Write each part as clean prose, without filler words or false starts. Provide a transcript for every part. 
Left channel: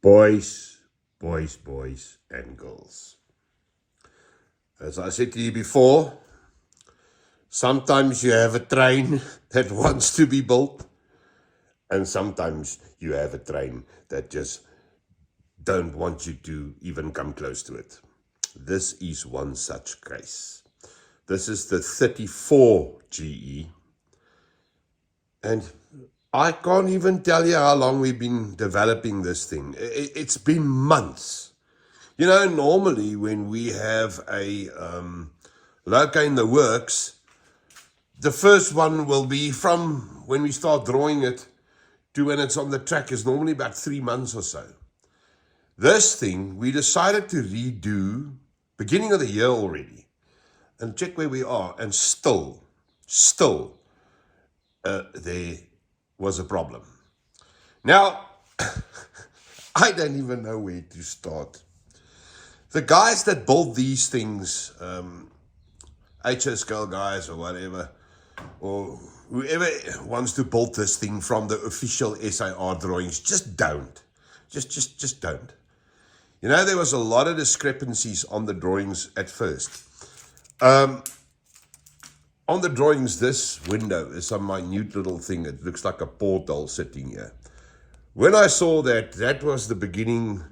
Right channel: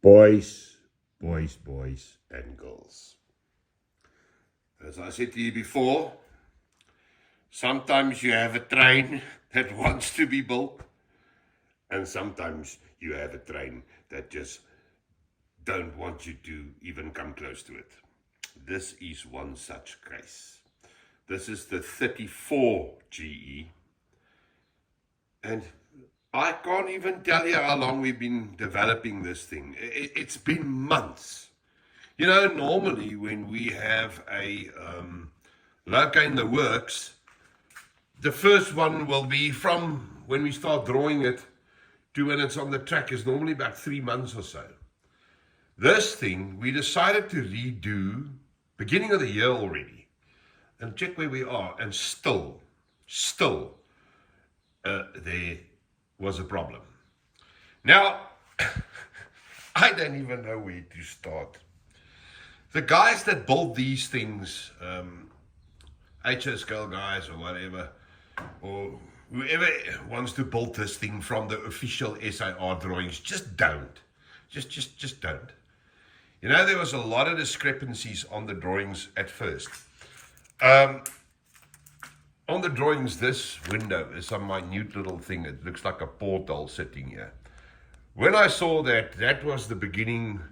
Boys, boys, and girls. As I said to you before, sometimes you have a train that wants to be built, and sometimes you have a train that just don't want you to even come close to it. This is one such case. This is the 34 GE, and I can't even tell you how long we've been developing this thing. It's been months. You know, normally when we have a loco in the works, the first one will be from when we start drawing it to when it's on the track is normally about 3 months or so. This thing, we decided to redo beginning of the year already and check where we are, and still, there was a problem. Now, I don't even know where to start. The guys that build these things, HS Girl guys or whatever, or whoever wants to build this thing from the official SIR drawings, just don't. Just don't. You know, there was a lot of discrepancies on the drawings at first. On the drawings, this window is some minute little thing. It looks like a portal sitting here. When I saw that, that was the beginning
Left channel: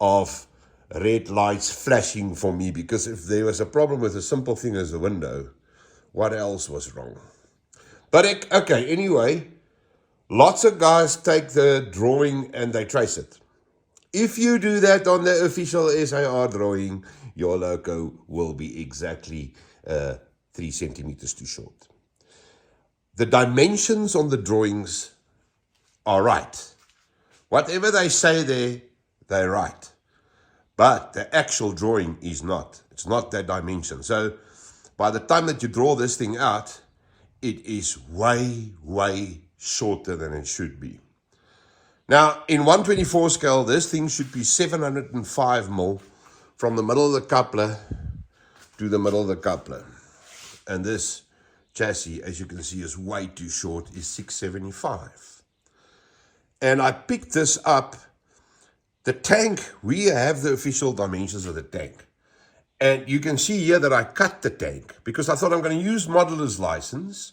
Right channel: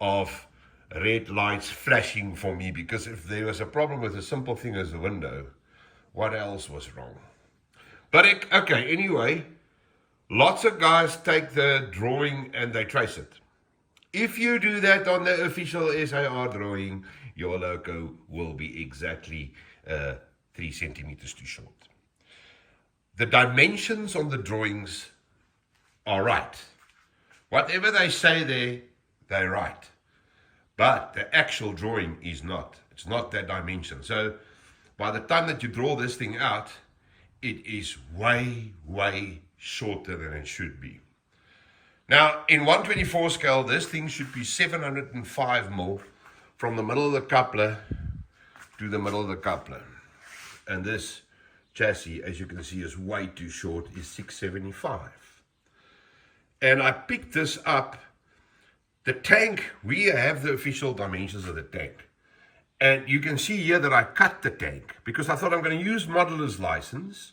of red lights flashing for me, because if there was a problem with a simple thing as the window, what else was wrong? But okay, anyway, lots of guys take the drawing and they trace it. If you do that on the official SIR drawing, your loco will be exactly 3 centimeters too short. The dimensions on the drawings are right. Whatever they say there, they're right. But the actual drawing is not. It's not that dimension. So by the time that you draw this thing out, it is way shorter than it should be. Now, in 124 scale, this thing should be 705 mil from the middle of the coupler to the middle of the coupler. And this chassis, as you can see, is way too short, is 675. And I picked this up. The tank, we have the official dimensions of the tank. And you can see here that I cut the tank because I thought I'm going to use modeler's license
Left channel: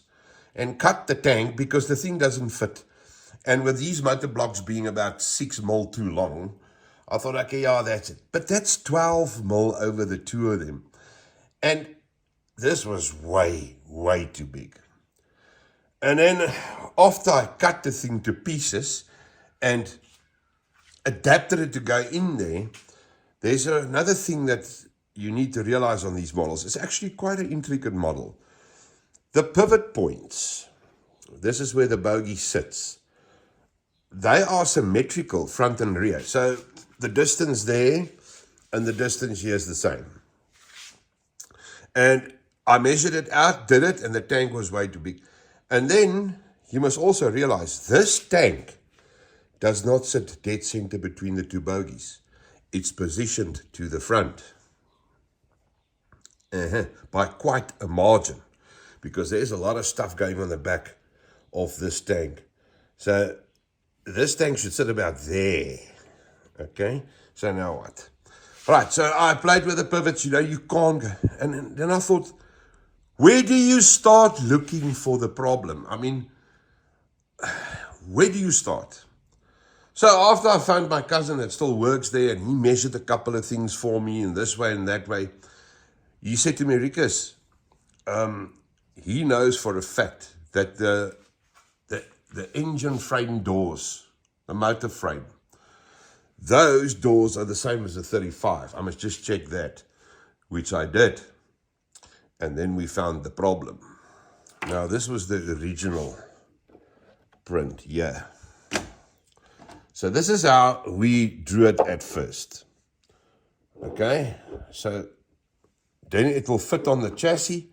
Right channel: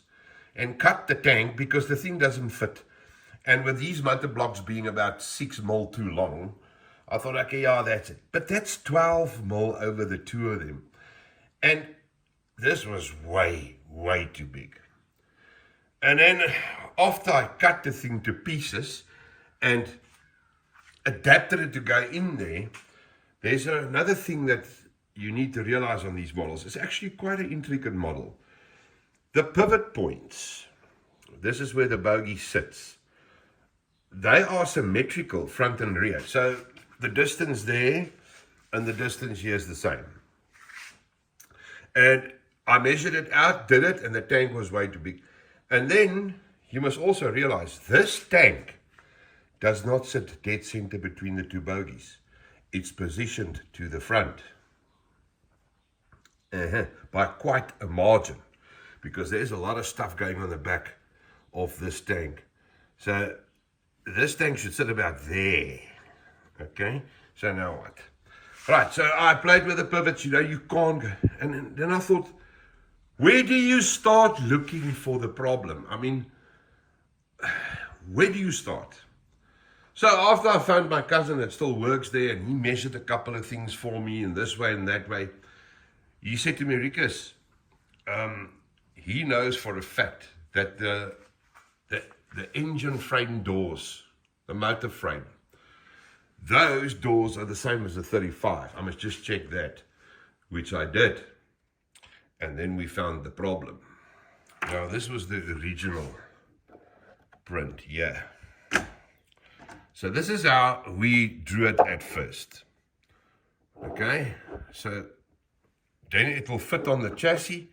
and cut the tank because the thing doesn't fit. And with these motor blocks being about 6 mil too long, I thought, okay, yeah, that's it. But that's 12 mil over the two of them. And this was way too big. And then after I cut the thing to pieces and adapted it to go in there, there's another thing that you need to realize on these models. It's actually quite an intricate model. The pivot points, this is where the bogie sits. They are symmetrical front and rear. So the distance there and the distance here is the same. And I measured it out, did it, and the tank was way too big. And then you must also realize this tank does not sit dead center between the two bogies. It's positioned to the front by quite a margin, because there's a lot of stuff going on the back of this tank. So this tank should sit about there. Okay, so now what? Right, so I played with the pivots, you know, you can't go. And then I thought, where do you start looking for the problem? I mean, where do you start? So after I found my cousin that still works there, and he measured a couple of things for me in this way and that way, he said to me, Rikus, he knows for a fact that the engine frame doors, the motor frame, those doors are the same as the 35. I must just check that, which I did. And then we found the problem. Now, this was the original print, yeah. So this is how we drew it at first. Okay, so then it will fit on the chassis.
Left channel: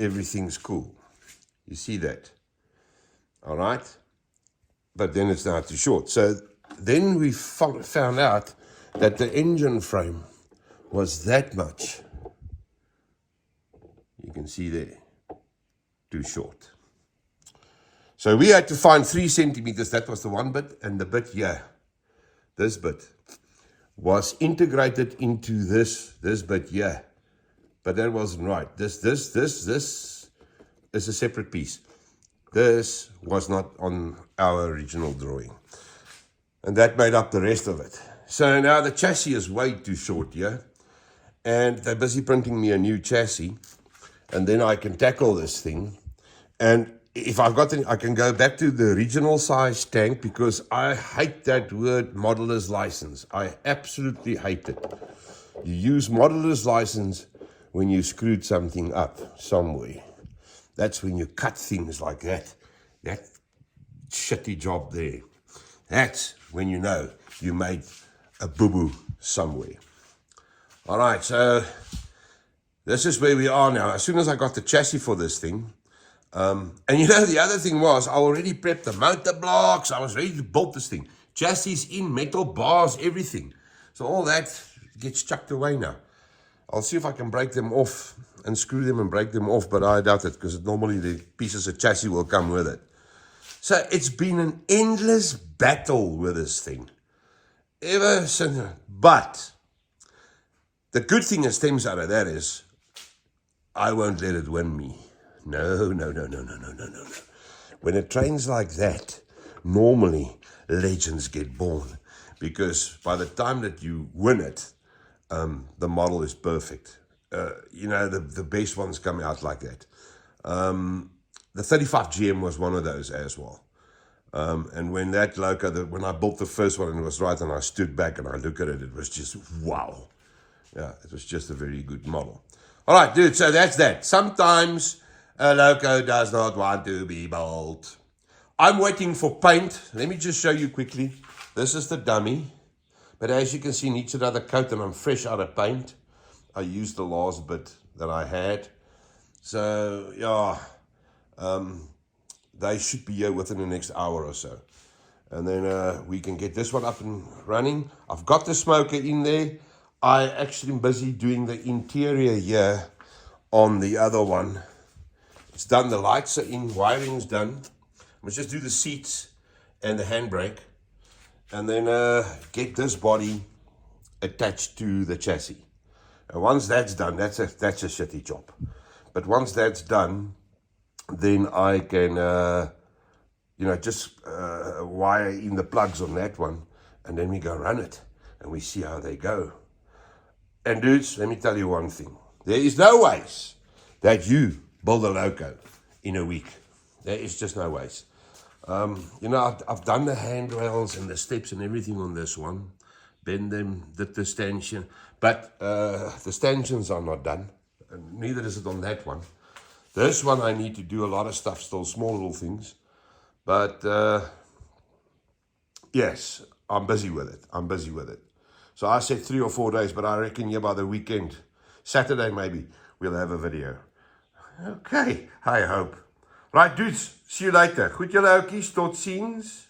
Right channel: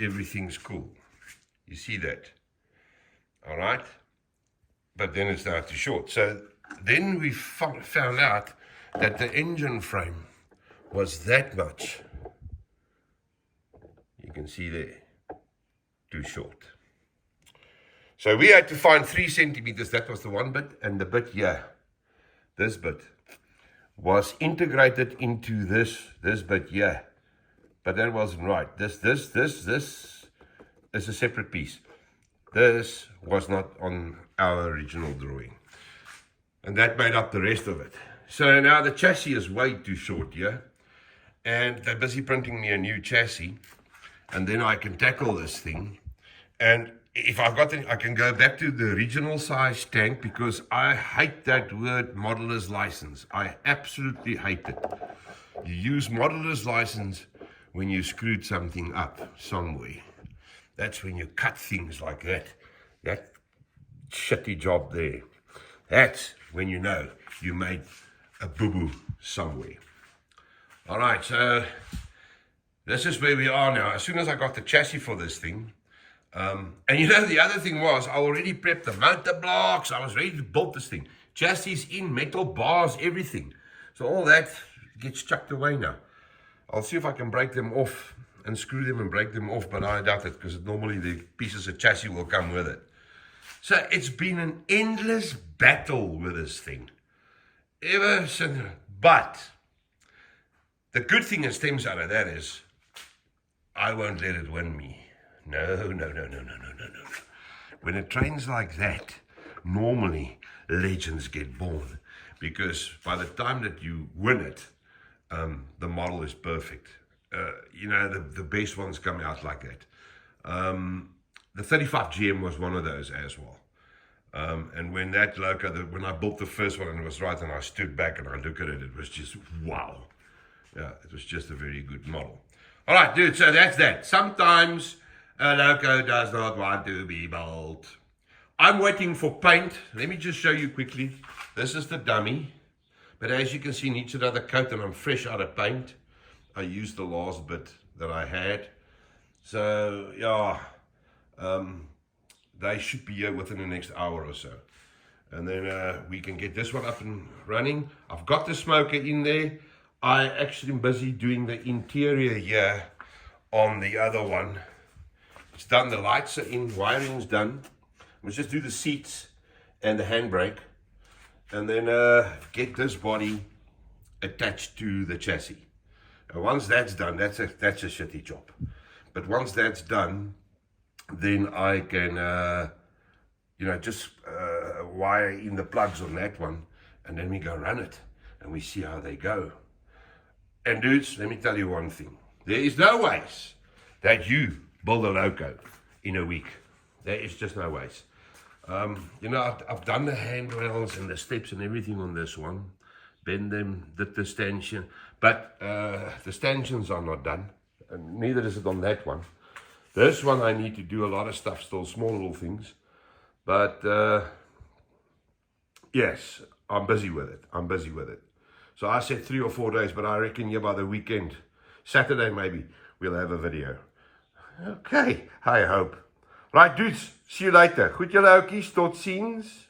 Everything's cool. You see that? All right. But then it's now too short. So then we found out that the engine frame was that much. You can see there, too short. So we had to find 3 centimeters. That was the one bit, and the bit here bit, was integrated into this bit here. But that wasn't right. This is a separate piece. This was not on our original drawing. And that made up the rest of it. So now the chassis is way too short here. And they're busy printing me a new chassis. And then I can tackle this thing. And if I've got it, I can go back to the original size tank, because I hate that word modeler's license. I absolutely hate it. You use modeler's license when you screwed something up somewhere. That's when you cut things like that. That shitty job there. That's when you know you made a boo-boo somewhere. All right, so this is where we are now. As soon as I got the chassis for this thing, and you know, the other thing was, I already prepped the motor blocks. I was ready to build this thing. Chassis in, metal bars, everything. So all that gets chucked away now. I'll see if I can break them off and screw them and break them off, but I doubt it, because normally the pieces of chassis will come with it. So it's been an endless battle with this thing. Ever since. But the good thing that stems out of that is, I won't let it win me. No. When it trains like that, normally legends get born, because by the time that you win it, the model is perfect. You know, the best ones come out like that. The 35 GM was one of those as well. And when that loco, when I built the first one and it was right, and I stood back and I look at it, it was just wow. Yeah, it was just a very good model. All right, dude, so that's that. Sometimes a loco does not want to be built. I'm waiting for paint. Let me just show you quickly. This is the dummy. But as you can see, it needs another coat, and I'm fresh out of paint. I used the last bit that I had. So, yeah, they should be here within the next hour or so. And then we can get this one up and running. I've got the smoker in there. I actually am busy doing the interior here on the other one. It's done, the lights are in, wiring's done. Let's just do the seats and the handbrake, and then get this body attached to the chassis. And once that's done, that's a shitty job. But once that's done, then I can, you know, just wire in the plugs on that one, and then we go run it, and we see how they go. And dudes, let me tell you one thing. There is no ways that you build a loco in a week. There is just no ways. You know, I've done the handrails and the steps and everything on this one. Bend them, did the stanchion. But the stanchions are not done. And neither is it on that one. This one I need to do a lot of stuff still, small little things. But yes, I'm busy with it. So I said 3 or 4 days, but I reckon by the weekend, Saturday maybe, we'll have a video. Okay, I hope. Right, dudes, see you later. Goed julle oukies, tot ziens.